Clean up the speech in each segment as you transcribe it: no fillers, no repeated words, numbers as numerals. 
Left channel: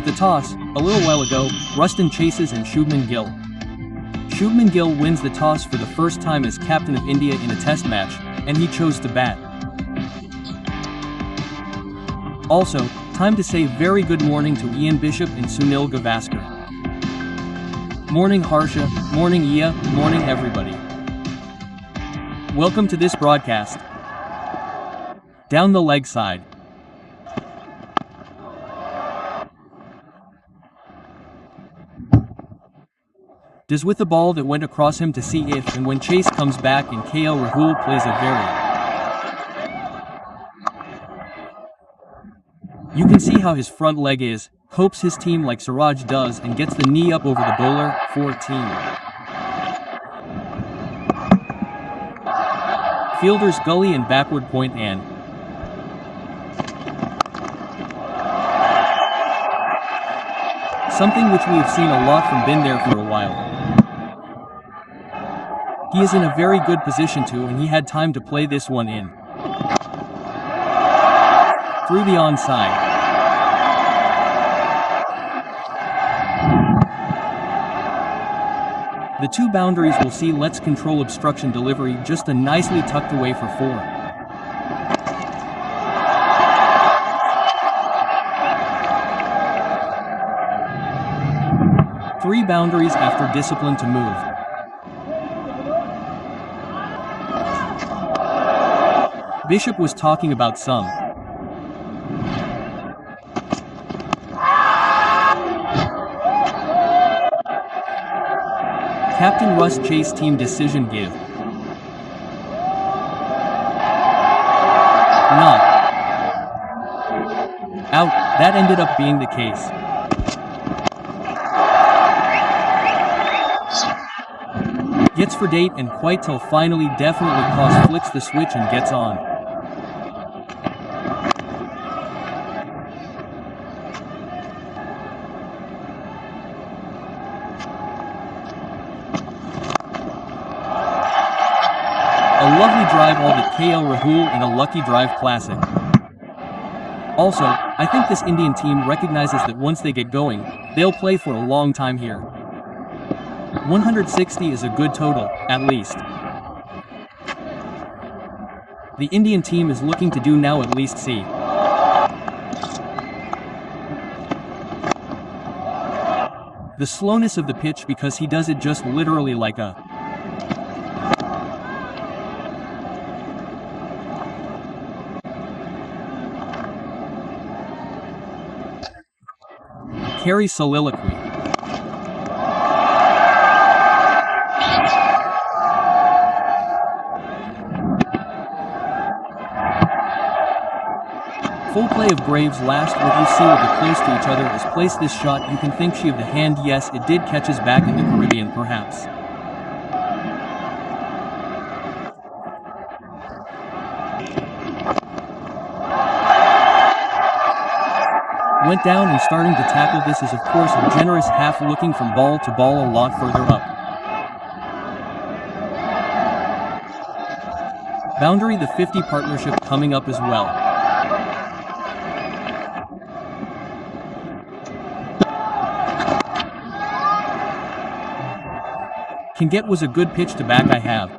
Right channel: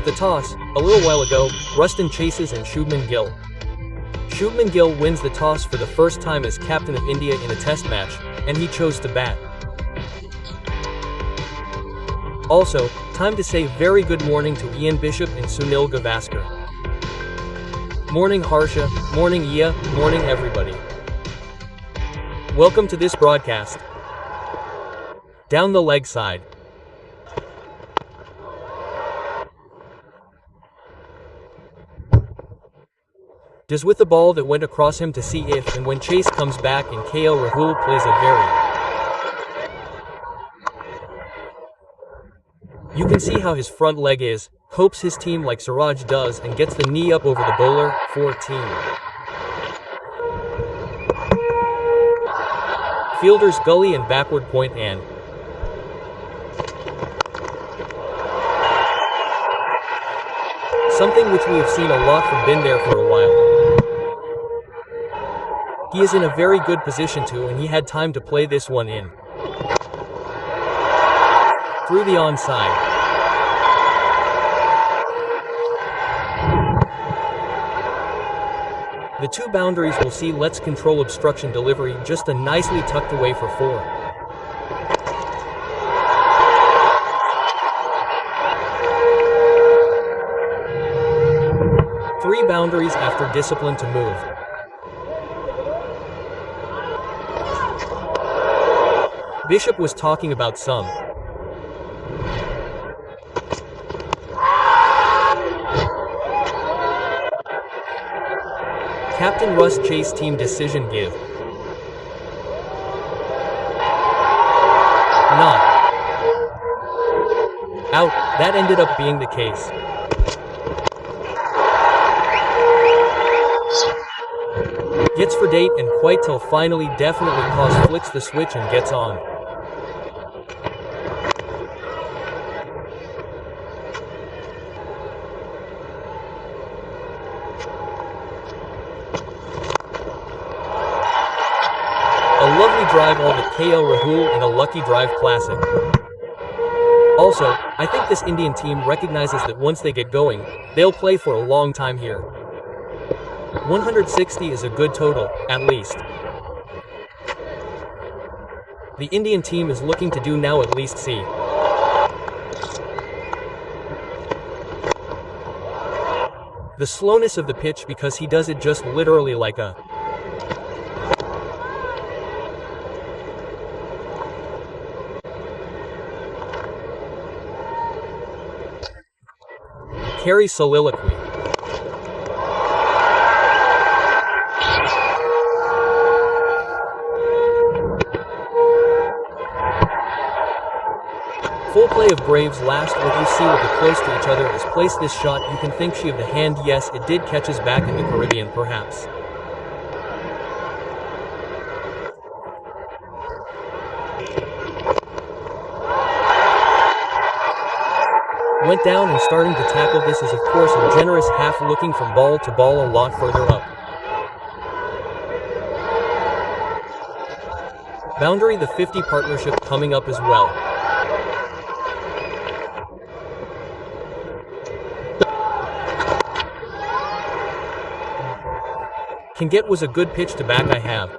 At the toss, a little while ago, Ruston chases and Shubman Gill. Shubman Gill wins the toss for the first time as captain of India in a test match, and he chose to bat. Also, time to say very good morning to Ian Bishop and Sunil Gavaskar. Morning Harsha, morning Iya, morning everybody. Welcome to this broadcast. Down the leg side. Does with the ball that went across him to see if and when Chase comes back and KL Rahul plays a very. You can see how his front leg is, hopes his team like Siraj does and gets the knee up over the bowler, 14. Fielders gully and backward point and. Something which we have seen a lot from been there for a while. He is in a very good position to and he had time to play this one in. Through the onside. The two boundaries will see let's control obstruction delivery just a nicely tucked away for 4. Three boundaries after discipline to move. Bishop was talking about some. Captain Russ Chase team decision give. Not. Out, that ended up being the case. Gets for date and quite till finally definitely cause flicks the switch and gets on. A lovely drive all the KL Rahul in a lucky drive classic. Also, I think this Indian team recognizes that once they get going, they'll play for a long time here. 160 is a good total, at least. The Indian team is looking to do now at least see. The slowness of the pitch because he does it just literally like a. Carry soliloquy. Full play of Graves last what you see with the close to each other is place this shot you can think she of the hand yes it did catches back in the Caribbean perhaps. Went down and starting to tackle this is of course a generous half looking from ball to ball a lot further up. Boundary the 50 partnership coming up as well. Can get was a good pitch to back I have.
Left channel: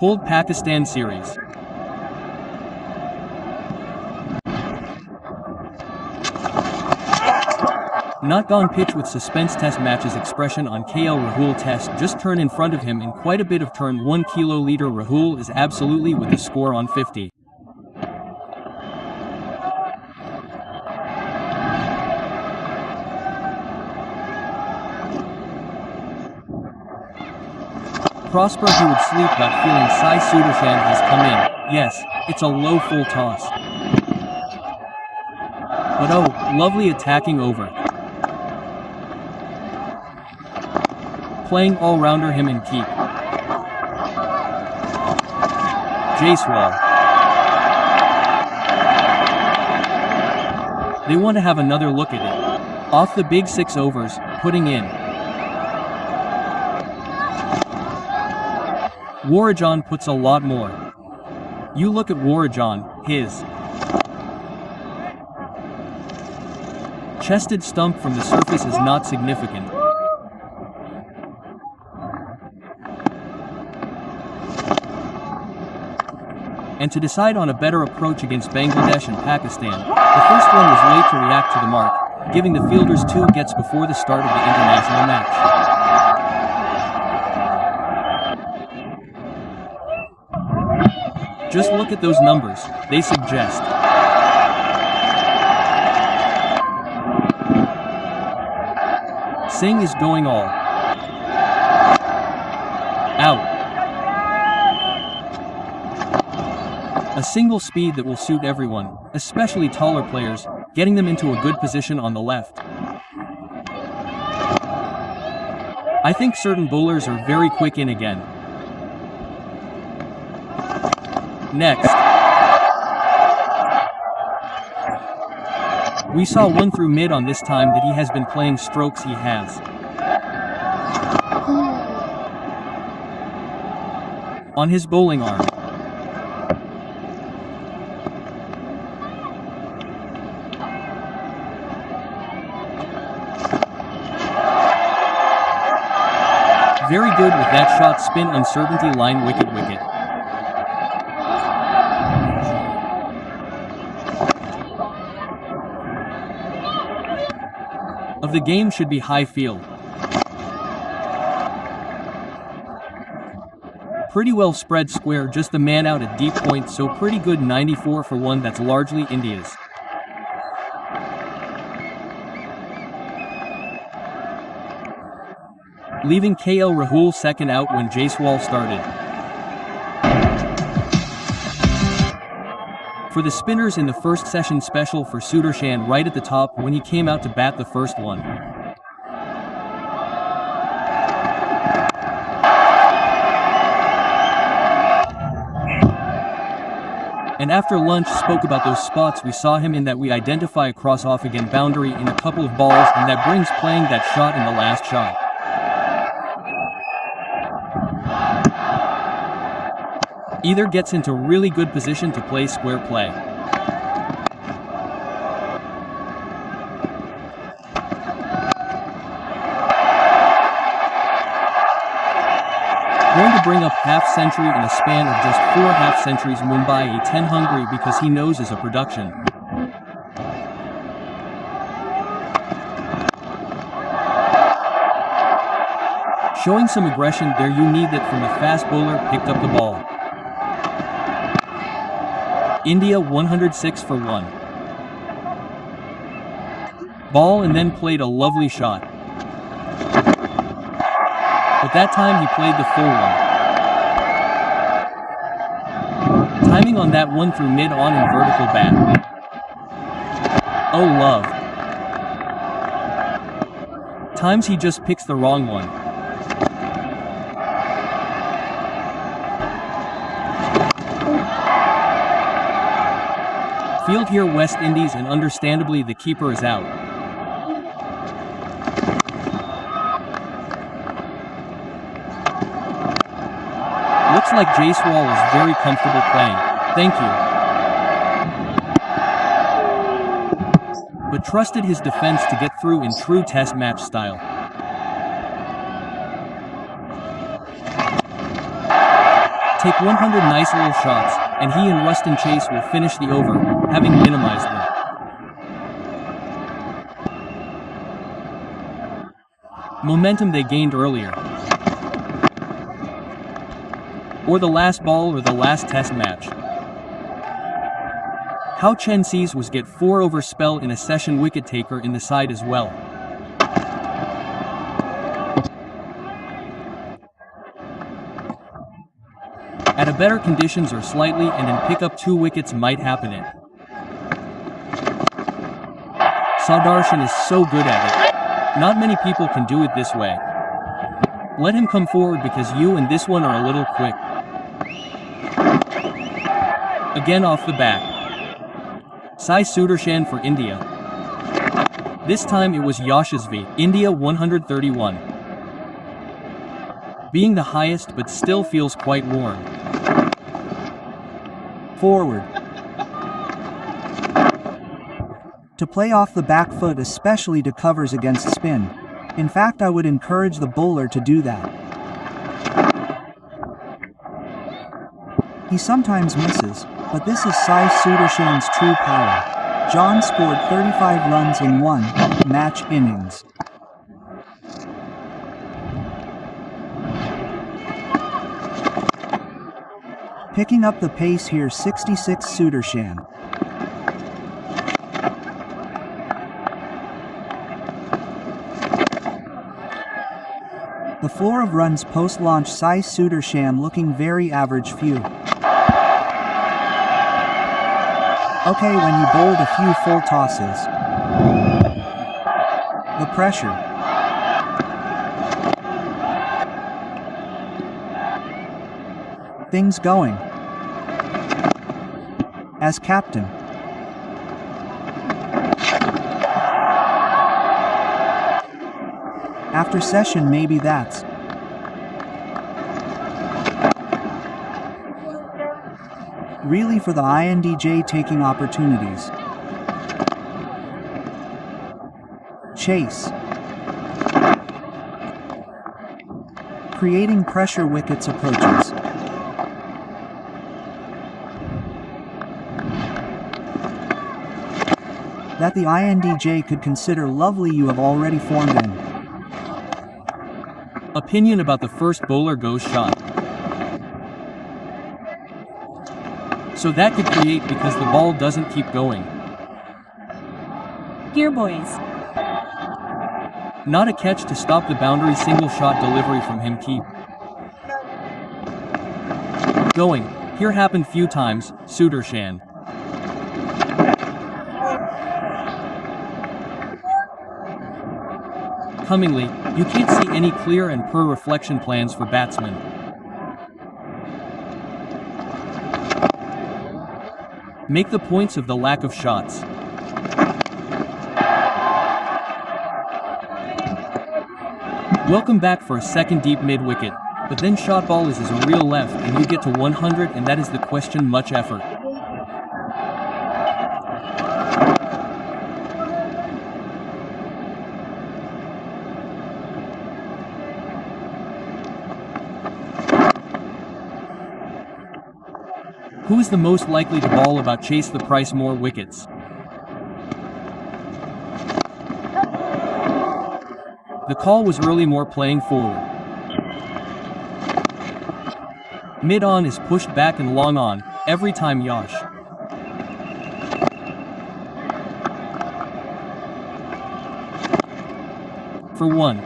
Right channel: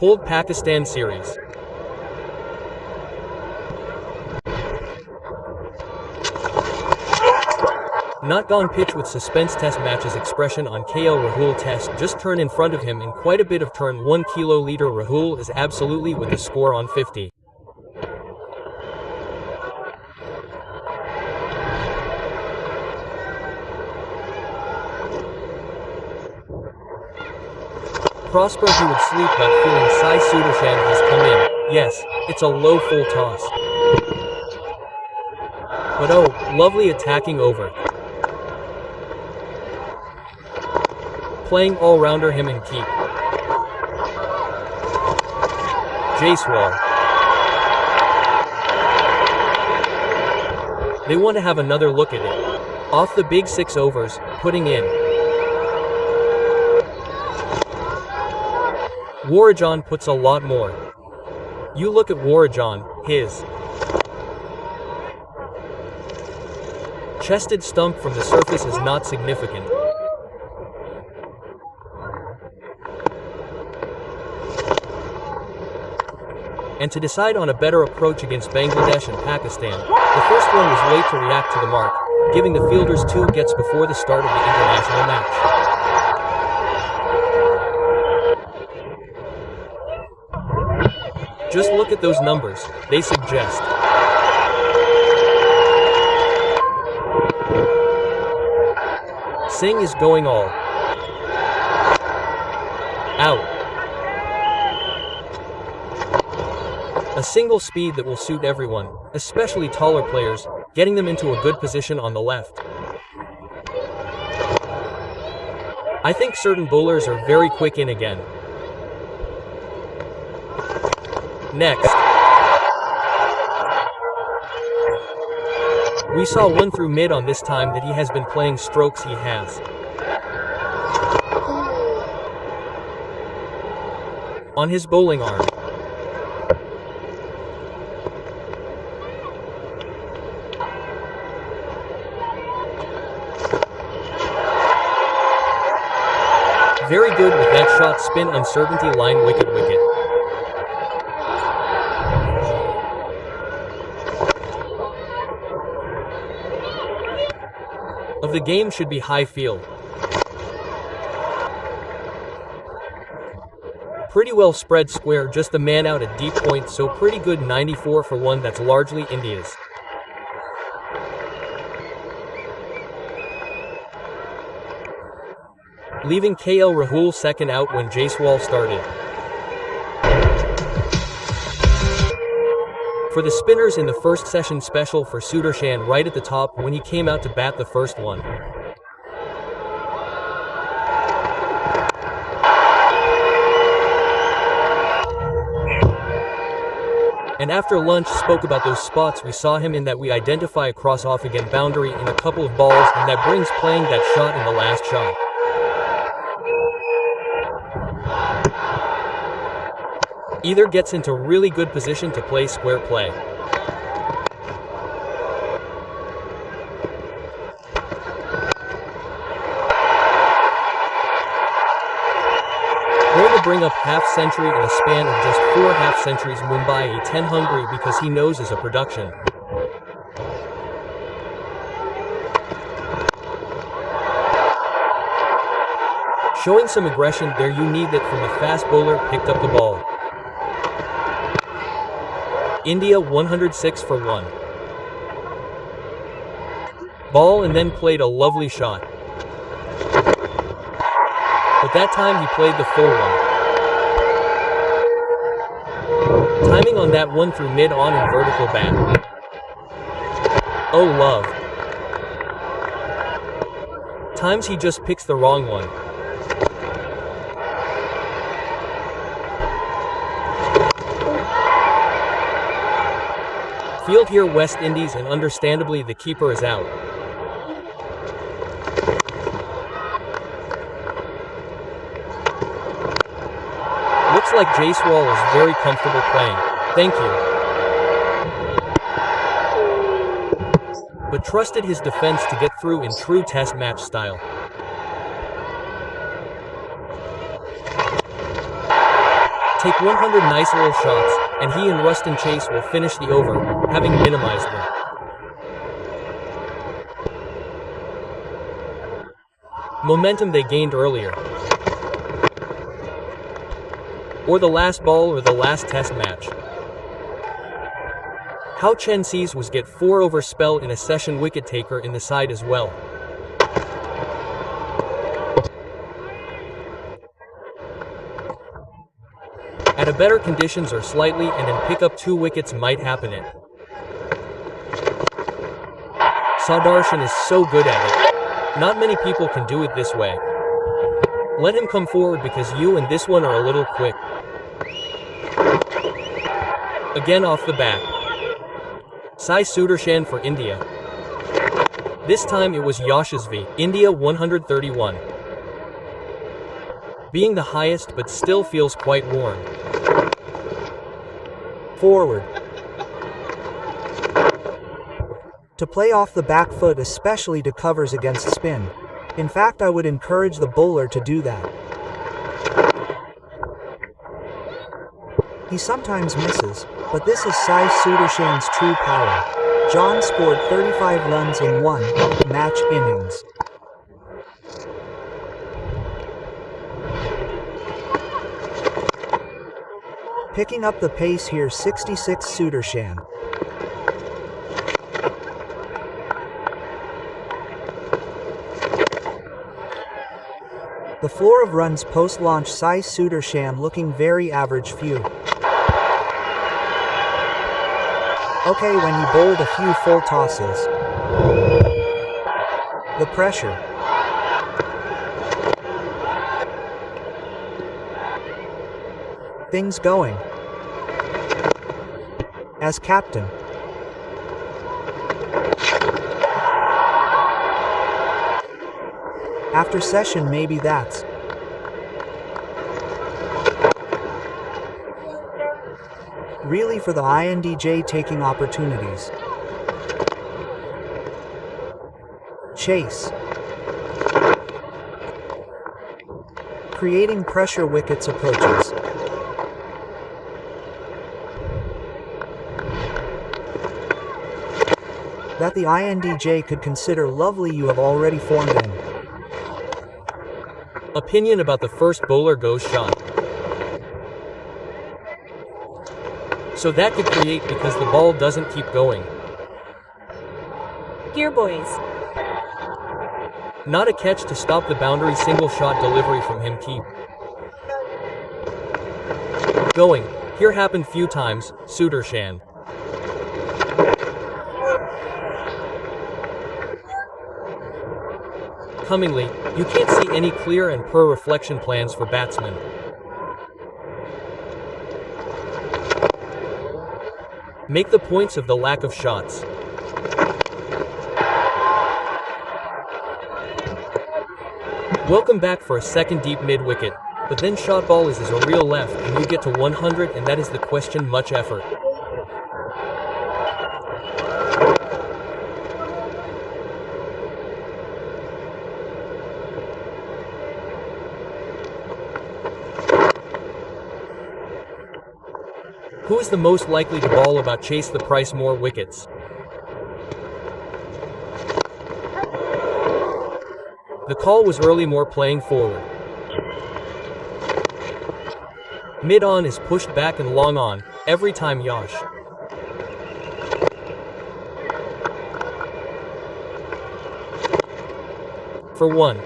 Pulled Pakistan series. Not gone pitch with suspense test matches expression on KL Rahul test just turn in front of him in quite a bit of turn 1 kiloliter Rahul is absolutely with the score on 50. Prosper he would sleep but feeling Sai Sudarshan has come in. Yes, it's a low full toss. But oh, lovely attacking over. Playing all-rounder him and keep. Jaiswal. They want to have another look at it. Off the big 6 overs, putting in. Warajan puts a lot more. You look at Warajan, his chested stump from the surface is not significant. And to decide on a better approach against Bangladesh and Pakistan, the first one was late to react to the mark, giving the fielders 2 gets before the start of the international match. Just look at those numbers, they suggest Singh is going all out. A single speed that will suit everyone, especially taller players, getting them into a good position on the left. I think certain bowlers are very quick in again. Next, we saw one through mid on this time that he has been playing strokes he has. On his bowling arm. Very good with that shot spin uncertainty line wicket. Of the game should be high field. Pretty well spread square, just the man out at deep point, so pretty good 94 for 1, that's largely India's. Leaving KL Rahul second out when Jaiswal started. For the spinners in the first session, special for Sudarshan right at the top when he came out to bat the first one. And after lunch spoke about those spots we saw him in, that we identify a cross off again boundary in a couple of balls, and that brings playing that shot in the last shot. Either gets into really good position to play square play. Going to bring up half century in a span of just 4 half centuries. Mumbai a 10 hungry because he knows is a production. Showing some aggression there, you need that from a fast bowler, picked up the ball. India 106 for 1. Ball and then played a lovely shot. But that time he played the full one. Timing on that one through mid on in vertical bat. Oh love. Times he just picks the wrong one. Field here West Indies, and understandably the keeper is out. Looks like Jaiswal is very comfortable playing. Thank you. But trusted his defense to get through in true test match style. Take 100 nice little shots, and he and Ruston Chase will finish the over, having minimized them. Momentum they gained earlier. Or the last ball or the last test match. How Chen sees was get 4 over spell in a session wicket taker in the side as well. At a better conditions or slightly and in pick up 2 wickets might happen it. Sudarshan is so good at it. Not many people can do it this way. Let him come forward because you and this one are a little quick. Again off the bat. Sai Sudarshan for India. This time it was Yashasvi, India 131. being the highest but still feels quite warm. Forward. To play off the back foot, especially to covers against spin. In fact, I would encourage the bowler to do that. He sometimes misses, but this is Sai Sudarshan's true power. John scored 35 runs in one match innings. Picking up the pace here, 66 Sudarshan. The floor of runs post-launch, Sai Sudarshan looking very average few. Okay, when he bowled a few full tosses. The pressure. Things going. As captain. After session, maybe that's really for the INDJ taking opportunities. Chase. Creating pressure, wickets approaches. That the INDJ could consider lovely, you have already formed in. Opinion about the first bowler goes shot. So that could create because the ball doesn't keep going. Here, boys. Not a catch to stop the boundary, single shot delivery from him, keep going. Here happened few times, Sudarshan. Cummingly, you can't see any clear and per reflection plans for batsmen. Make the points of the lack of shots. Welcome back for a second deep mid-wicket, but then shot ball is a real left and you get to 100, and that is the question, much effort. Who is the most likely to bowl about chase the price more wickets? The call was early, more playing forward. Mid-on is pushed back and long on, every time Yash. For one.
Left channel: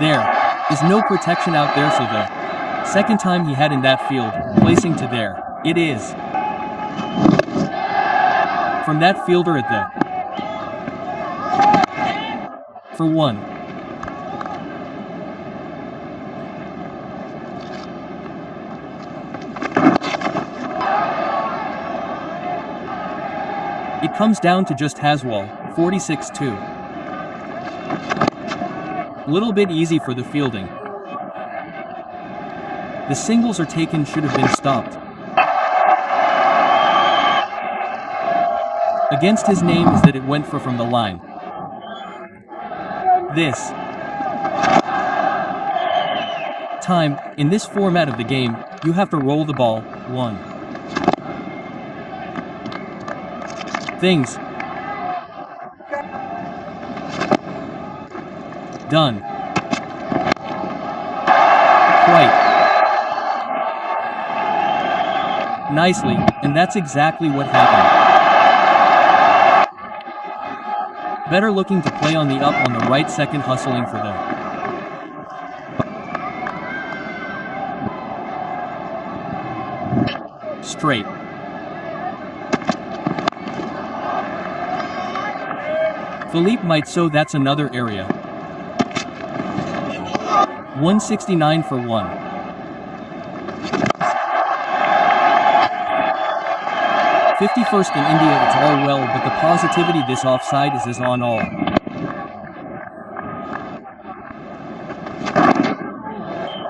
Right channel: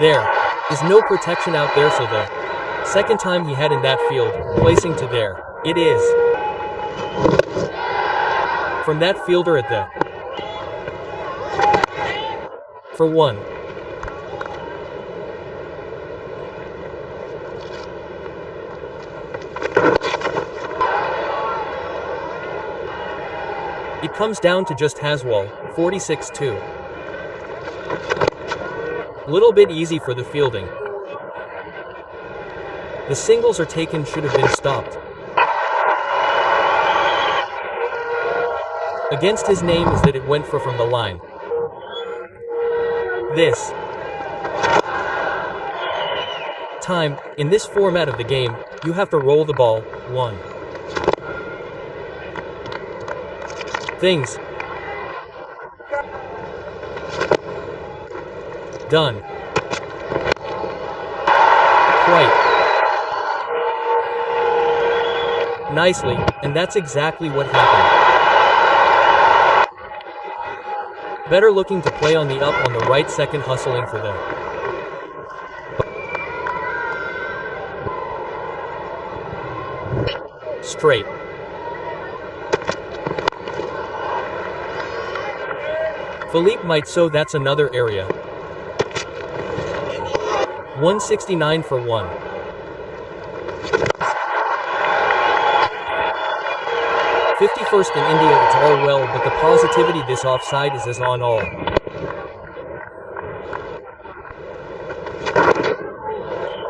There is no protection out there, so the second time he had in that field, placing to there. It is. From that fielder at the. For one. It comes down to just Haswell, 46-2. Little bit easy for the fielding. The singles are taken, should have been stopped. Against his name is that it went from the line. This time, in this format of the game, you have to roll the ball. One. Things done. Quite nicely, and that's exactly what happened. Better looking to play on the up on the right, second hustling for the straight. Philippe might, so that's another area. 169 for one. '51st in India, it's all well, but the positivity this offside is as on all.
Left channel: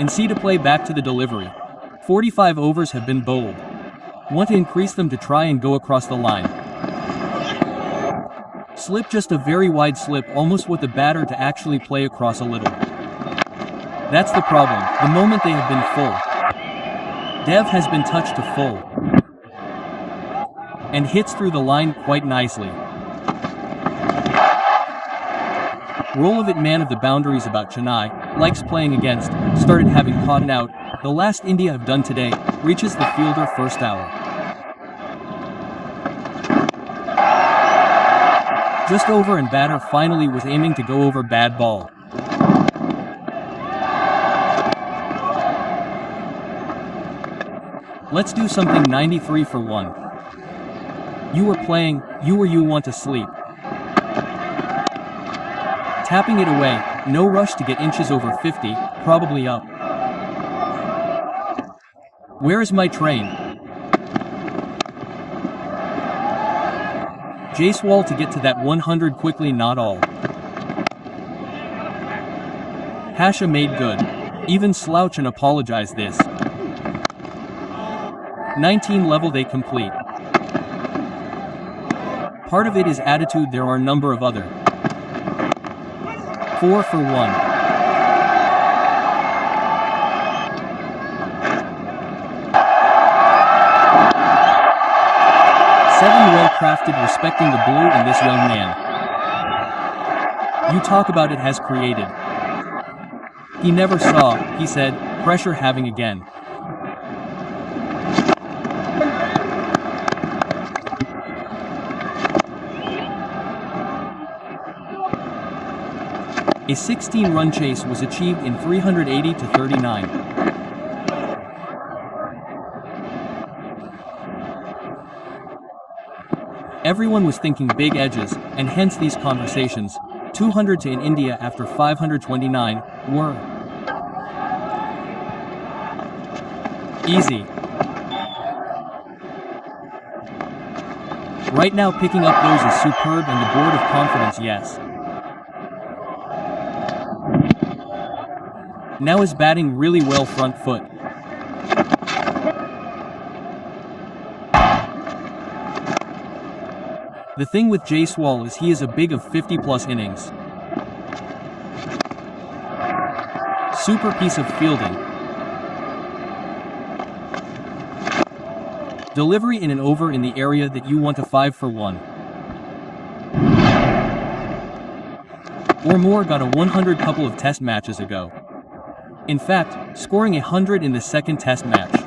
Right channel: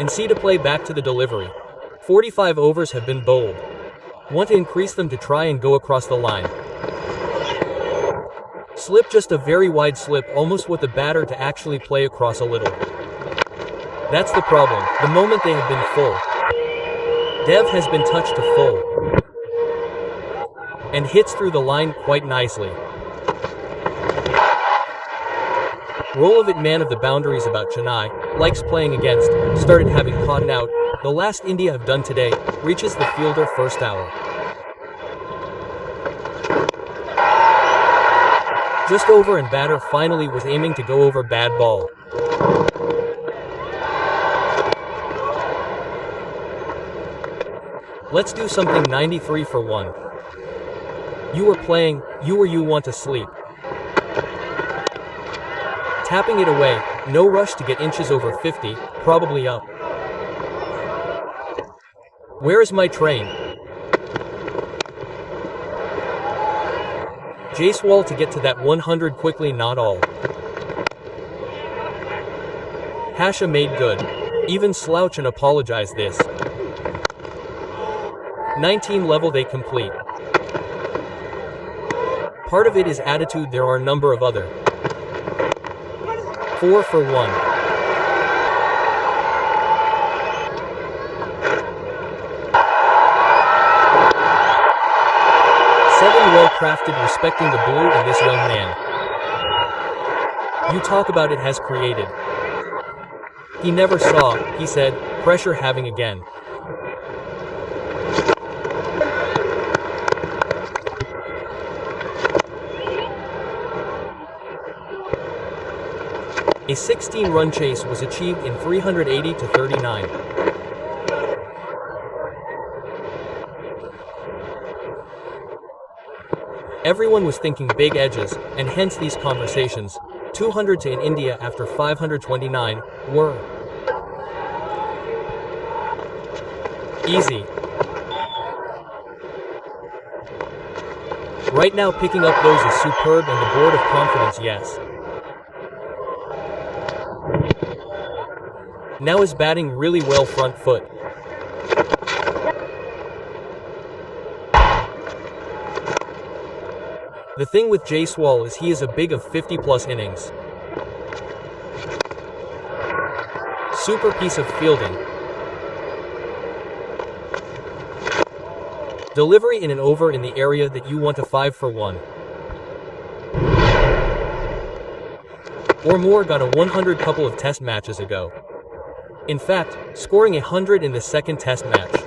And see to play back to the delivery. 45 overs have been bowled. Want to increase them to try and go across the line. Slip, just a very wide slip, almost with the batter to actually play across a little. That's the problem, the moment they have been full. Dev has been touched to full. And hits through the line quite nicely. Roll of it, man of the boundaries about Chennai, likes playing against, started having caught an out, the last India have done today, reaches the fielder first hour. Just over, and batter finally was aiming to go over, bad ball. Let's do something. 93 for 1. You were playing, you want to sleep. Tapping it away, no rush to get inches over 50, probably up. Where is my train? Jaiswal to get to that 100 quickly, not all. Hasha made good. Even slouch and apologize this. 19 level they complete. Part of it is attitude, there are a number of other. 4 for 1. Seven well crafted, respecting the blue in this young man. You talk about it has created. He never saw, he said, pressure having again. A 16-run chase was achieved in 380 to 39. Everyone was thinking big edges, and hence these conversations, 200 to in India after 529, were easy. Right now picking up those is superb, and the board of confidence, yes. Now is batting really well, front foot. The thing with Jaiswal is he is a big of 50+ innings. Super piece of fielding. Delivery in an over in the area that you want, a 5 for 1. Or more, got a 100 couple of test matches ago. In fact, scoring 100 in the second test match.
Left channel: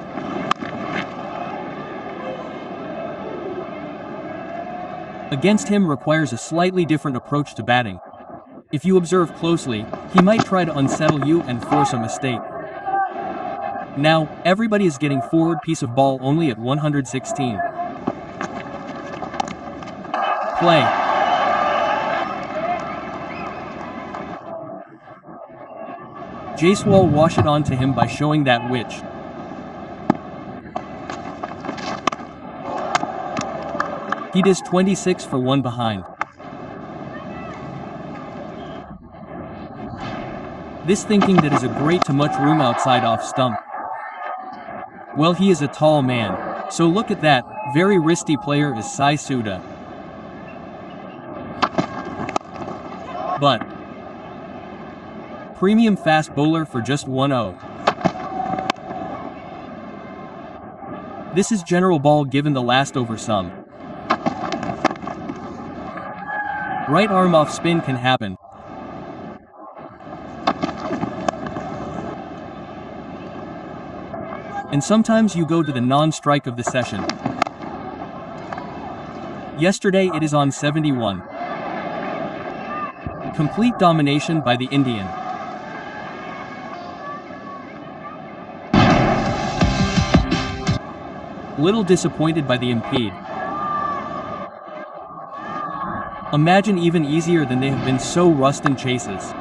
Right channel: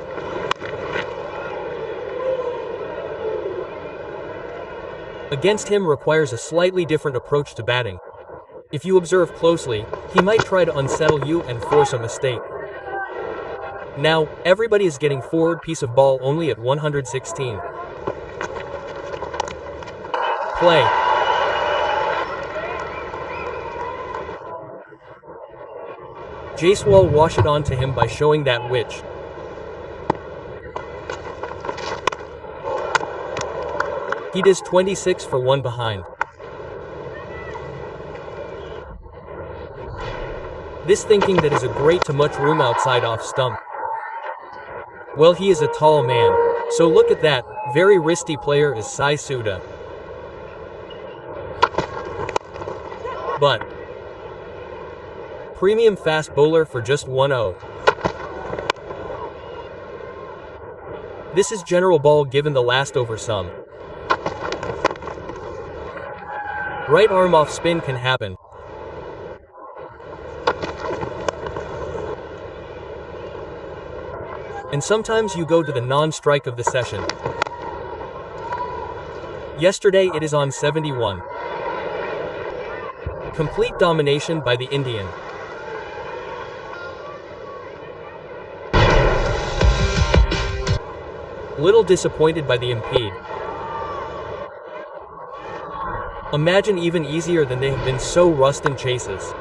Against him requires a slightly different approach to batting. If you observe closely, he might try to unsettle you and force a mistake. Now, everybody is getting forward piece of ball only at 116. Play. Jaiswal wash it on to him by showing that which. He does 26 for 1 behind. This thinking that is a great too much room outside off stump. Well, he is a tall man, so look at that, very risky player is Sai Suda. But premium fast bowler for just 1-0. This is general ball given the last over some. Right arm off spin can happen. And sometimes you go to the non-strike of the session. Yesterday it is on 71. Complete domination by the Indian. Little disappointed by the impede. Imagine even easier than they have been, so rust in chases.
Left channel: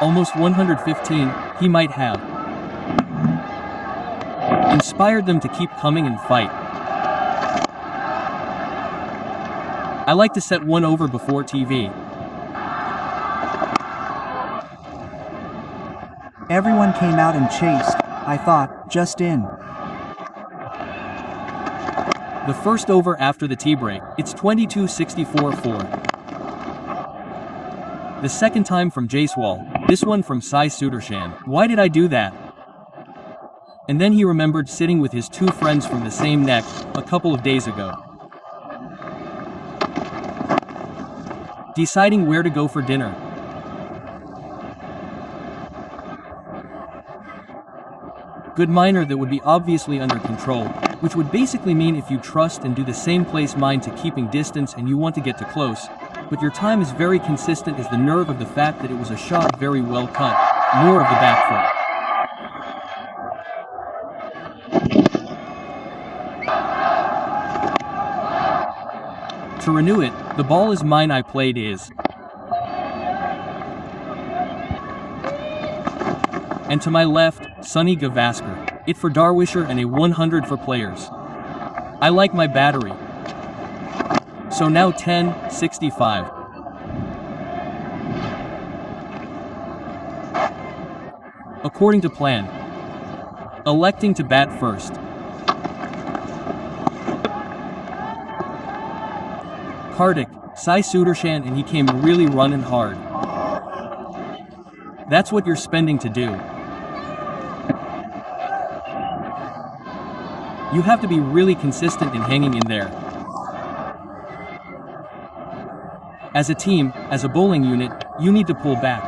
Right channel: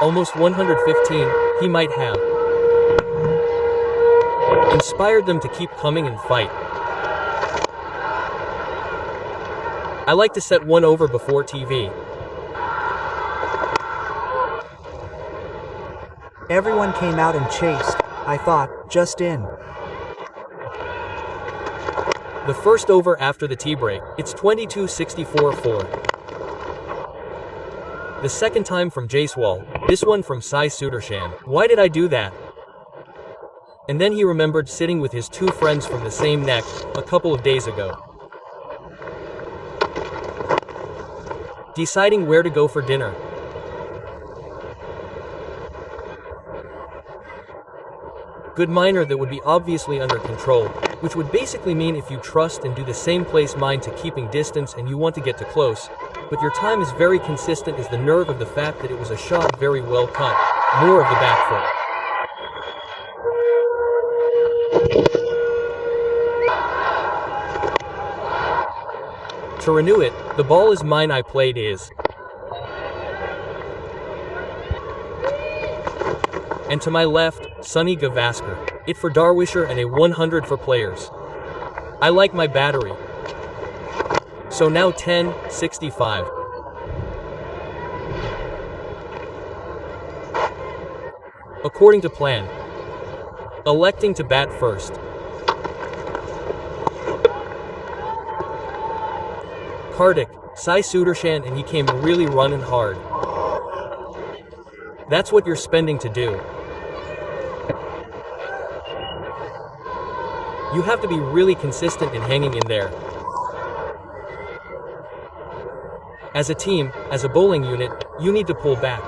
Almost 115, he might have inspired them to keep coming and fight. I like to set one over before TV. Everyone came out and chased. I thought, just in. The first over after the tea break, it's 22-64-4. The second time from Jaiswal, this one from Sai Sudarshan. Why did I do that? And then he remembered sitting with his two friends from the same neck a couple of days ago. Deciding where to go for dinner. Good minor that would be obviously under control, which would basically mean if you trust and do the same place mind to keeping distance and you want to get to close, but your time is very consistent is the nerve of the fact that it was a shot very well cut, more of the back foot. To renew it, the ball is mine I played is. And to my left, Sunny Gavaskar. It for Darwisher and a 100 for players. I like my battery. So now 10-65. According to plan. Electing to bat first. Kartik, Sai Sudarshan and he came really running hard. That's what you're spending to do. You have to be really consistent in hanging in there. As a team, as a bowling unit, you need to pull back.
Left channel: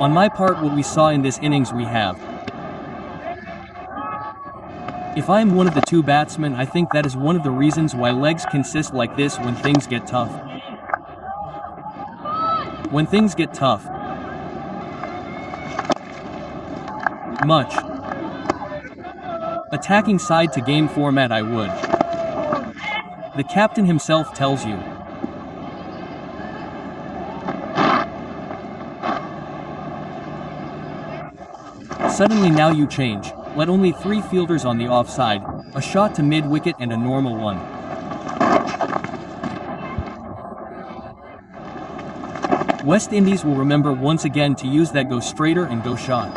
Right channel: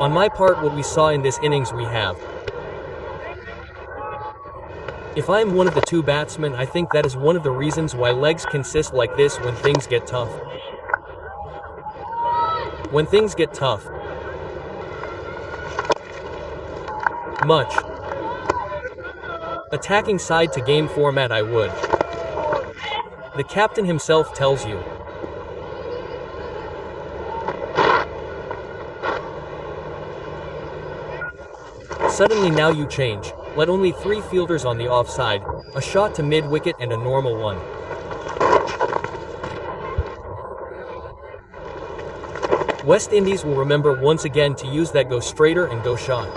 On my part, what we saw in this innings we have. If I am one of the two batsmen, I think that is one of the reasons why legs consist like this when things get tough. When things get tough. Much. Attacking side to game format I would. The captain himself tells you. Suddenly now you change. Let only 3 fielders on the offside, a shot to mid-wicket and a normal one. West Indies will remember once again to use that go straighter and go shot.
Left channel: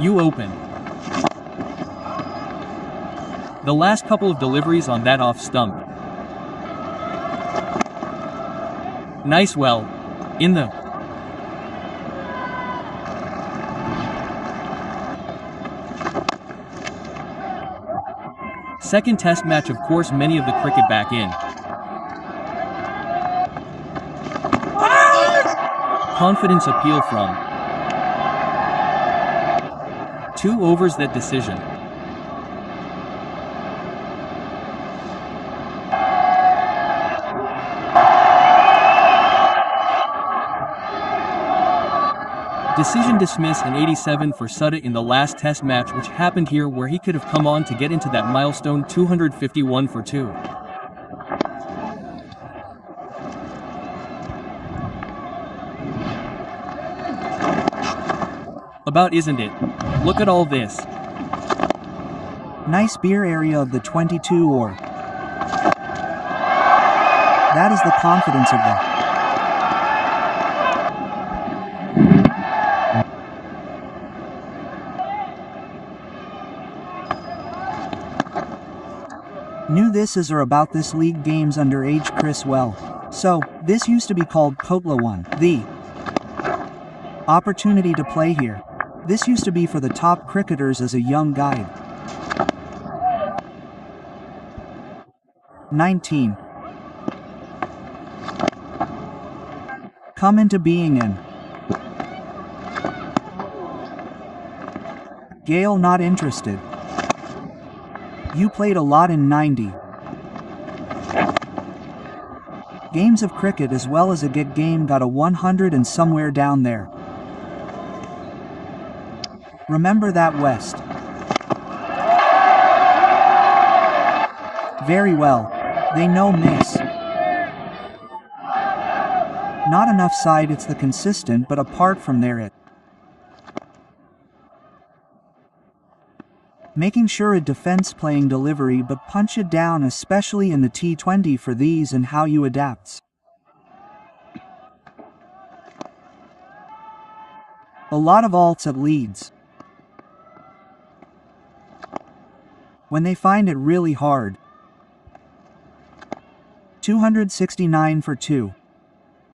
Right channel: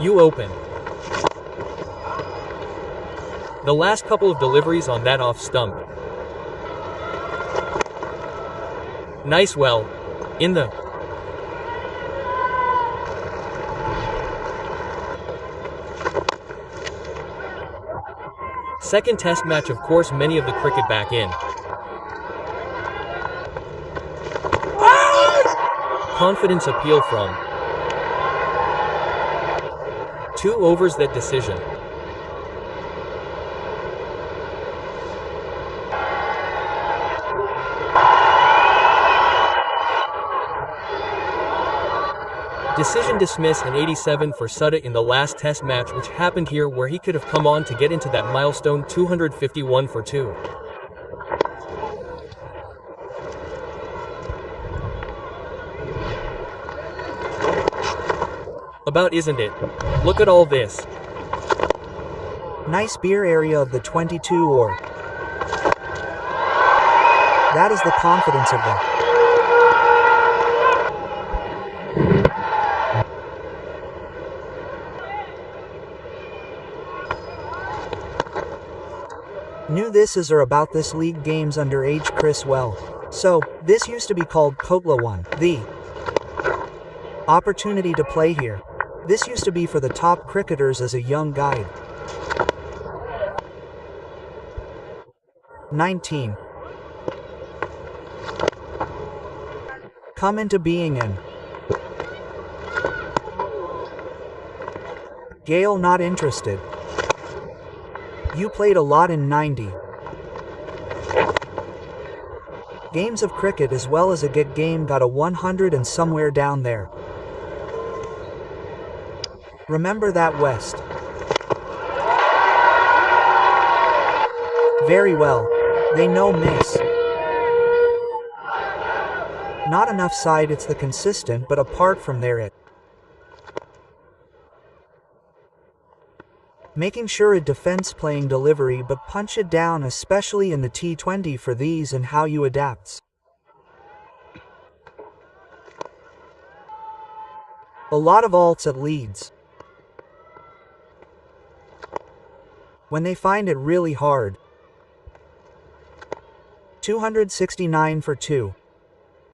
You open. The last couple of deliveries on that off stump. Nice well. In the... Second test match, of course, many of the cricket back in. Confidence appeal from 2 overs that decision. Decision dismiss and 87 for Sutta in the last test match, which happened here where he could have come on to get into that milestone 251 for 2. About isn't it? Look at all this. Nice beer area of the 22 or. That is the confidence of the. Knew this is or about this league games underage Chris well. So, this used to be called Kotla 1. The opportunity to play here. This used to be for the top cricketers as a young guide. 19. Come into being in. Gale not interested. You played a lot in 90. Games of cricket as well as a get game got a 100 and somewhere down there. Remember that West. Very well. They know miss. Not enough side, it's the consistent, but apart from there it. Making sure it defense playing delivery but punch it down, especially in the T20 for these and how you adapts. A lot of alts at leads. When they find it really hard. 269 for 2.